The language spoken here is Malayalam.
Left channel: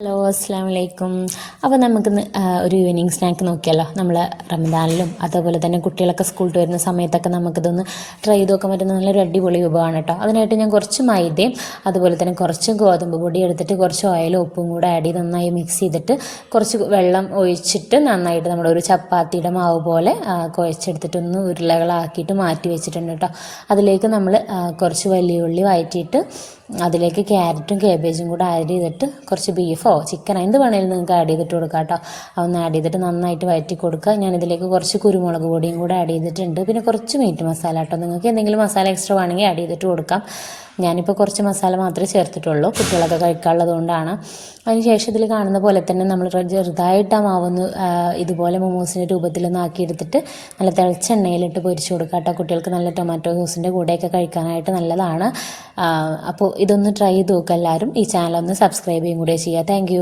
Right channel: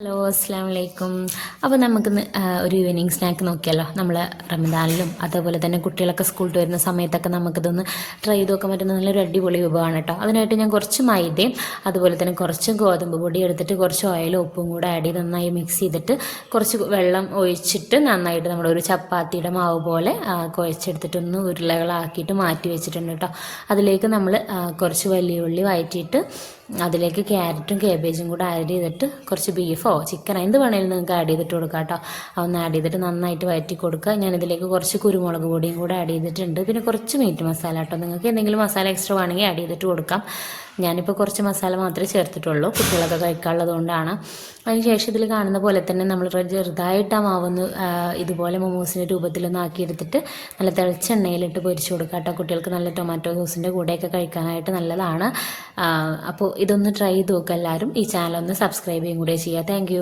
ഹലോ അസ്സാം വലൈക്കും. അപ്പോൾ നമുക്ക് ഒരു ഈവനിങ് സ്നാക്ക് നോക്കിയാലോ. നമ്മൾ റമദാനിലും അതേപോലെ തന്നെ കുട്ടികളൊക്കെ സ്കൂളിൽ വരുന്ന സമയത്തൊക്കെ നമുക്കിതൊന്ന് ട്രൈ ചെയ്ത് നോക്കാൻ പറ്റുന്ന നല്ലൊരു അടിപൊളി വിഭവമാണ് കേട്ടോ. അതിനായിട്ട് ഞാൻ കുറച്ച് മൈദയും അതുപോലെ തന്നെ കുറച്ച് ഗോതമ്പ് പൊടി എടുത്തിട്ട് കുറച്ച് ഓയിലും ഉപ്പും കൂടെ ആഡ് ചെയ്ത് നന്നായി മിക്സ് ചെയ്തിട്ട് കുറച്ച് വെള്ളം ഒഴിച്ചിട്ട് നന്നായിട്ട് നമ്മളൊരു ചപ്പാത്തിയുടെ മാവ് പോലെ കുഴച്ചെടുത്തിട്ടൊന്ന് ഉരുളകളാക്കിയിട്ട് മാറ്റി വെച്ചിട്ടുണ്ട് കേട്ടോ. അതിലേക്ക് നമ്മൾ കുറച്ച് വലിയ ഉള്ളി വഴറ്റിയിട്ട് അതിലേക്ക് ക്യാരറ്റും കേബേജും കൂടെ ആഡ് ചെയ്തിട്ട് കുറച്ച് ബീഫോ ചിക്കനോ എന്ത് വേണമെങ്കിലും നിങ്ങൾക്ക് ആഡ് ചെയ്തിട്ട് കൊടുക്കാം കേട്ടോ. അതൊന്ന് ആഡ് ചെയ്തിട്ട് നന്നായിട്ട് വഴറ്റി കൊടുക്കുക. ഞാനിതിലേക്ക് കുറച്ച് കുരുമുളക് പൊടിയും കൂടെ ആഡ് ചെയ്തിട്ടുണ്ട്. പിന്നെ കുറച്ച് മീറ്റ് മസാല കേട്ടോ. നിങ്ങൾക്ക് എന്തെങ്കിലും മസാല എക്സ്ട്രാ വേണമെങ്കിൽ ആഡ് ചെയ്തിട്ട് കൊടുക്കാം. ഞാനിപ്പോൾ കുറച്ച് മസാല മാത്രമേ ചേർത്തിട്ടുള്ളൂ, കുട്ടികളൊക്കെ കഴിക്കാനുള്ളത് കൊണ്ടാണ്. അതിനുശേഷം ഇതിൽ കാണുന്ന പോലെ തന്നെ നമ്മൾ ചെറുതായിട്ട് ആ മാവൊന്ന് ഇതുപോലെ മൊമോസിൻ്റെ രൂപത്തിലൊന്ന് ആക്കിയെടുത്തിട്ട് നല്ല തിളച്ച എണ്ണയിലിട്ട് പൊരിച്ച് കൊടുക്കുക കേട്ടോ. കുട്ടികൾക്ക് നല്ല ടൊമാറ്റോ സോസിൻ്റെ കൂടെയൊക്കെ കഴിക്കാനായിട്ട് നല്ലതാണ്. അപ്പോൾ ഇതൊന്ന് ട്രൈ ചെയ്ത് നോക്കുക എല്ലാവരും. ഈ ചാനൽ ഒന്ന് സബ്സ്ക്രൈബ് ചെയ്യും കൂടെ ചെയ്യുക. താങ്ക്